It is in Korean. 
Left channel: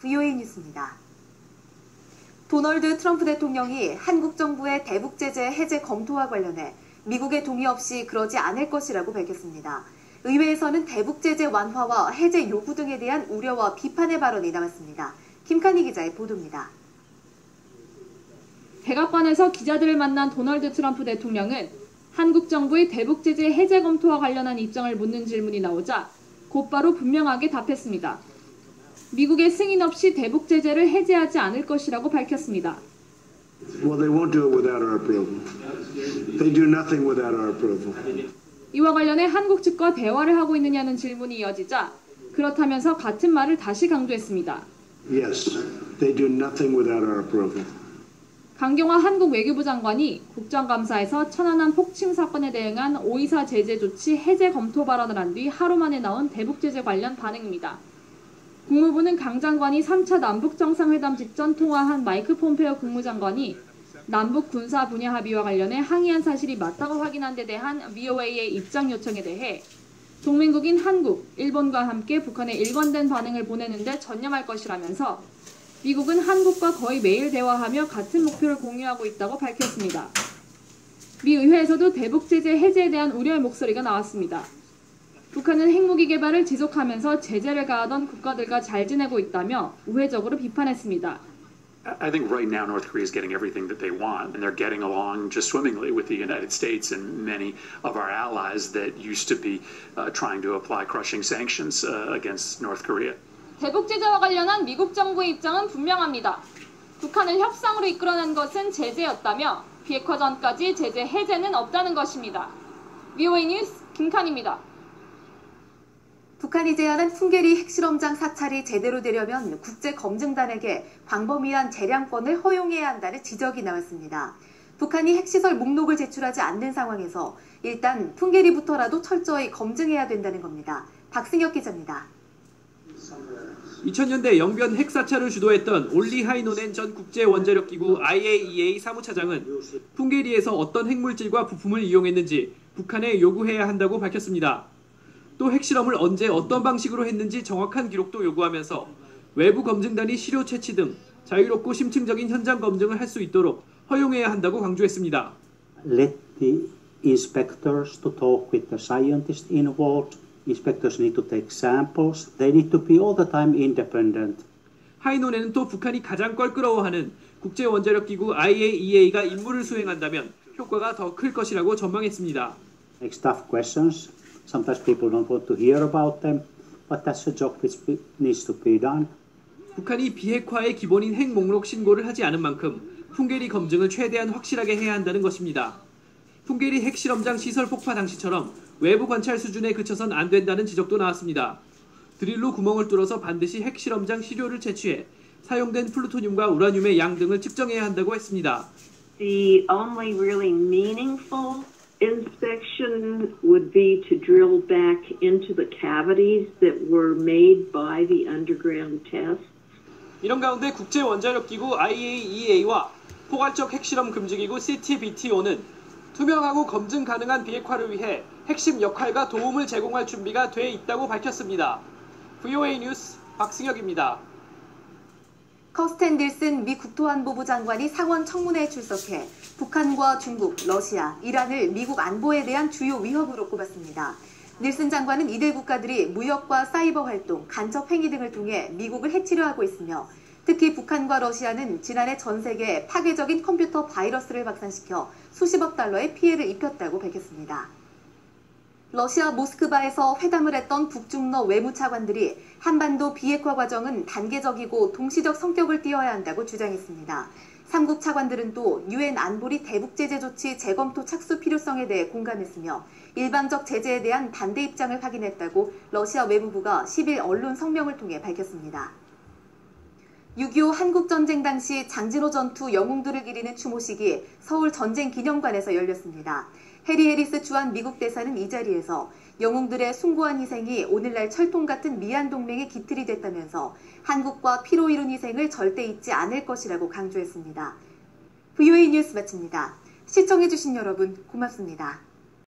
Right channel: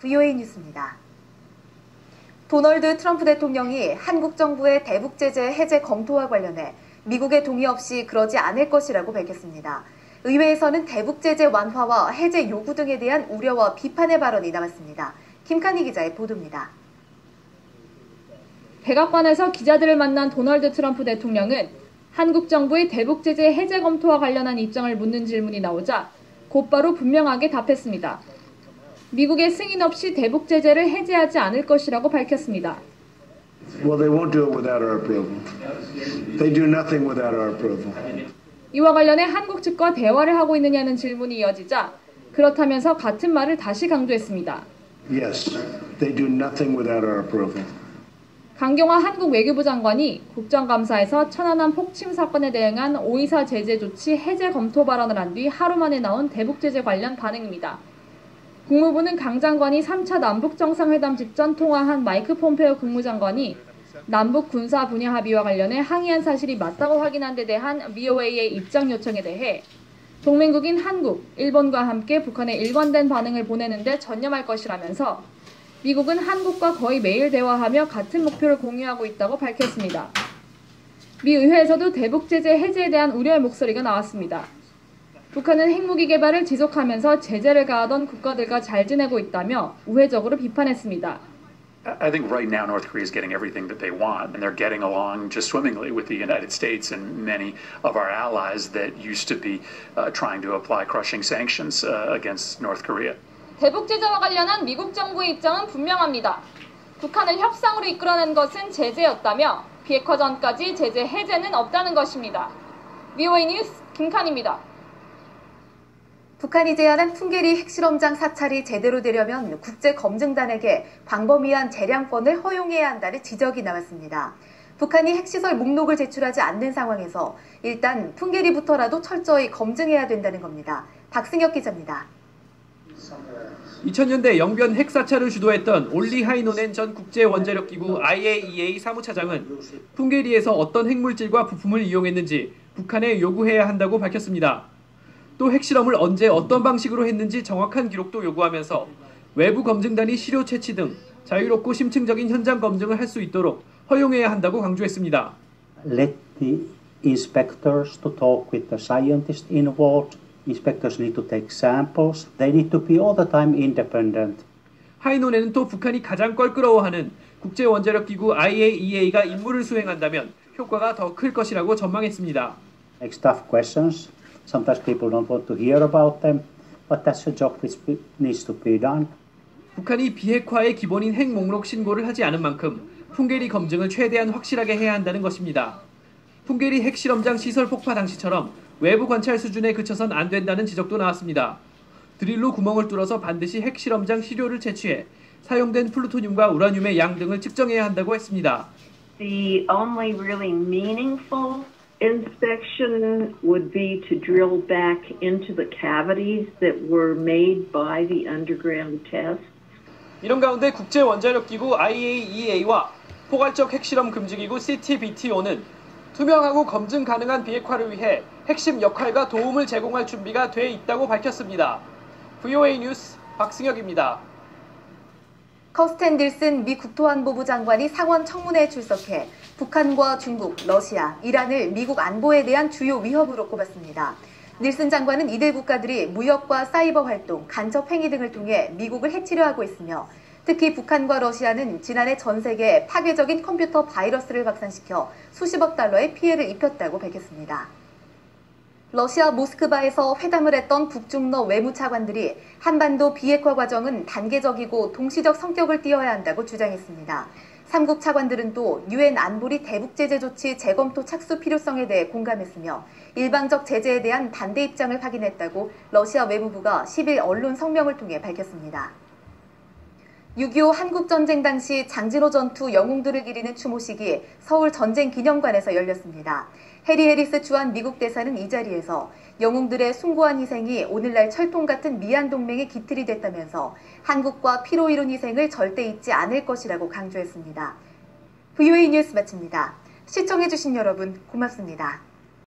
VOA 뉴스입니다. 도널드 트럼프 대통령이 한국 정부의 대북 제재 해제 검토와 관련해 미국의 동의 없이 그러지 않을 것이라고 밝혔습니다. 의회에서는 대북 제재 완화와 해제 요구 등에 대한 우려와 비판의 발언이 나왔습니다. 김칸희 기자의 보도입니다. 백악관에서 기자들을 만난 도널드 트럼프 대통령은 한국 정부의 대북 제재 해제 검토와 관련한 입장을 묻는 질문이 나오자 곧바로 분명하게 답했습니다. 미국의 승인 없이 대북 제재를 해제하지 않을 것이라고 밝혔습니다. Well, they won't do it without our approval. They do nothing without our approval. 이와 관련해 한국 측과 대화를 하고 있느냐는 질문이 이어지자 그렇다면서 같은 말을 다시 강조했습니다. Yes, they do nothing without our approval. 강경화 한국 외교부 장관이 국정감사에서 천안함 폭침 사건에 대응한 5.24 제재 조치 해제 검토 발언을 한 뒤 하루 만에 나온 대북 제재 관련 반응입니다. 국무부는 강 장관이 3차 남북 정상회담 직전 통화한 마이크 폼페오 국무장관이 남북 군사 분야 합의와 관련해 항의한 사실이 맞다고 확인한 데 대한 VOA의 입장 요청에 대해 동맹국인 한국, 일본과 함께 북한에 일관된 반응을 보내는 데 전념할 것이라면서 미국은 한국과 거의 매일 대화하며 같은 목표를 공유하고 있다고 밝혔습니다. 미 의회에서도 대북 제재 해제에 대한 우려의 목소리가 나왔습니다. 북한은 핵무기 개발을 지속하면서 제재를 가하던 국가들과 잘 지내고 있다며 우회적으로 비판했습니다. I think right now North Korea is getting everything that they want, and they're getting along just swimmingly with the United States and many of our allies that used to be trying to apply crushing sanctions against North Korea. 대북 제재와 관련한 미국 정부의 입장은 분명합니다. 북한을 협상으로 이끌어낸 것은 제재였다며 비핵화 전까지 제재 해제는 없다는 것입니다. VOA 뉴스 김칸입니다. 북한이 제안한 풍계리 핵실험장 사찰이 제대로 되려면 국제검증단에게 광범위한 재량권을 허용해야 한다는 지적이 나왔습니다. 북한이 핵시설 목록을 제출하지 않는 상황에서 일단 풍계리부터라도 철저히 검증해야 된다는 겁니다. 박승혁 기자입니다. 2000년대 영변 핵사찰을 주도했던 올리 하이노넨 전 국제원자력기구 IAEA 사무차장은 풍계리에서 어떤 핵물질과 부품을 이용했는지 북한에 요구해야 한다고 밝혔습니다. 또 핵실험을 언제 어떤 방식으로 했는지 정확한 기록도 요구하면서 외부 검증단이 시료 채취 등 자유롭고 심층적인 현장 검증을 할 수 있도록 허용해야 한다고 강조했습니다. Let the inspectors to talk with the scientists involved. Inspectors need to take samples. They need to be all the time independent. 하이노넨은 또 북한이 가장 껄끄러워하는 국제원자력기구 IAEA가 임무를 수행한다면 효과가 더 클 것이라고 전망했습니다. Makes tough questions. Sometimes people don't want to hear about them, but that's a job which needs to be done. 북한이 비핵화의 기본인 핵 목록 신고를 하지 않은 만큼 풍계리 검증을 최대한 확실하게 해야 한다는 것입니다. 풍계리 핵실험장 시설 폭파 당시처럼 외부 관찰 수준에 그쳐선 안 된다는 지적도 나왔습니다. 드릴로 구멍을 뚫어서 반드시 핵실험장 시료를 채취해 사용된 플루토늄과 우라늄의 양 등을 측정해야 한다고 했습니다. The only really meaningful inspection would be to drill back into the cavities that were made by the underground tests. 이런 가운데 국제원자력기구 IAEA와 포괄적 핵실험 금지기구 CTBTO는 투명하고 검증 가능한 비핵화를 위해 핵심 역할과 도움을 제공할 준비가 돼 있다고 밝혔습니다. VOA 뉴스 박승혁입니다. 커스텐 닐슨 미 국토안보부 장관이 상원 청문회에 출석해 북한과 중국, 러시아, 이란을 미국 안보에 대한 주요 위협으로 꼽았습니다. 닐슨 장관은 이들 국가들이 무역과 사이버 활동, 간첩 행위 등을 통해 미국을 해치려 하고 있으며 특히 북한과 러시아는 지난해 전 세계에 파괴적인 컴퓨터 바이러스를 확산시켜 수십억 달러의 피해를 입혔다고 밝혔습니다. 러시아 모스크바에서 회담을 했던 북중러 외무차관들이 한반도 비핵화 과정은 단계적이고 동시적 성격을 띠어야 한다고 주장했습니다. 3국 차관들은 또 유엔 안보리 대북 제재 조치 재검토 착수 필요성에 대해 공감했으며 일방적 제재에 대한 반대 입장을 확인했다고 러시아 외무부가 10일 언론 성명을 통해 밝혔습니다. 6.25 한국전쟁 당시 장진호 전투 영웅들을 기리는 추모식이 서울 전쟁기념관에서 열렸습니다. 해리 해리스 주한 미국 대사는 이 자리에서 영웅들의 숭고한 희생이 오늘날 철통 같은 미얀 동맹의 기틀이 됐다면서 한국과 피로 이룬 희생을 절대 잊지 않을 것이라고 강조했습니다. VOA 뉴스 마칩니다. 시청해주신 여러분 고맙습니다.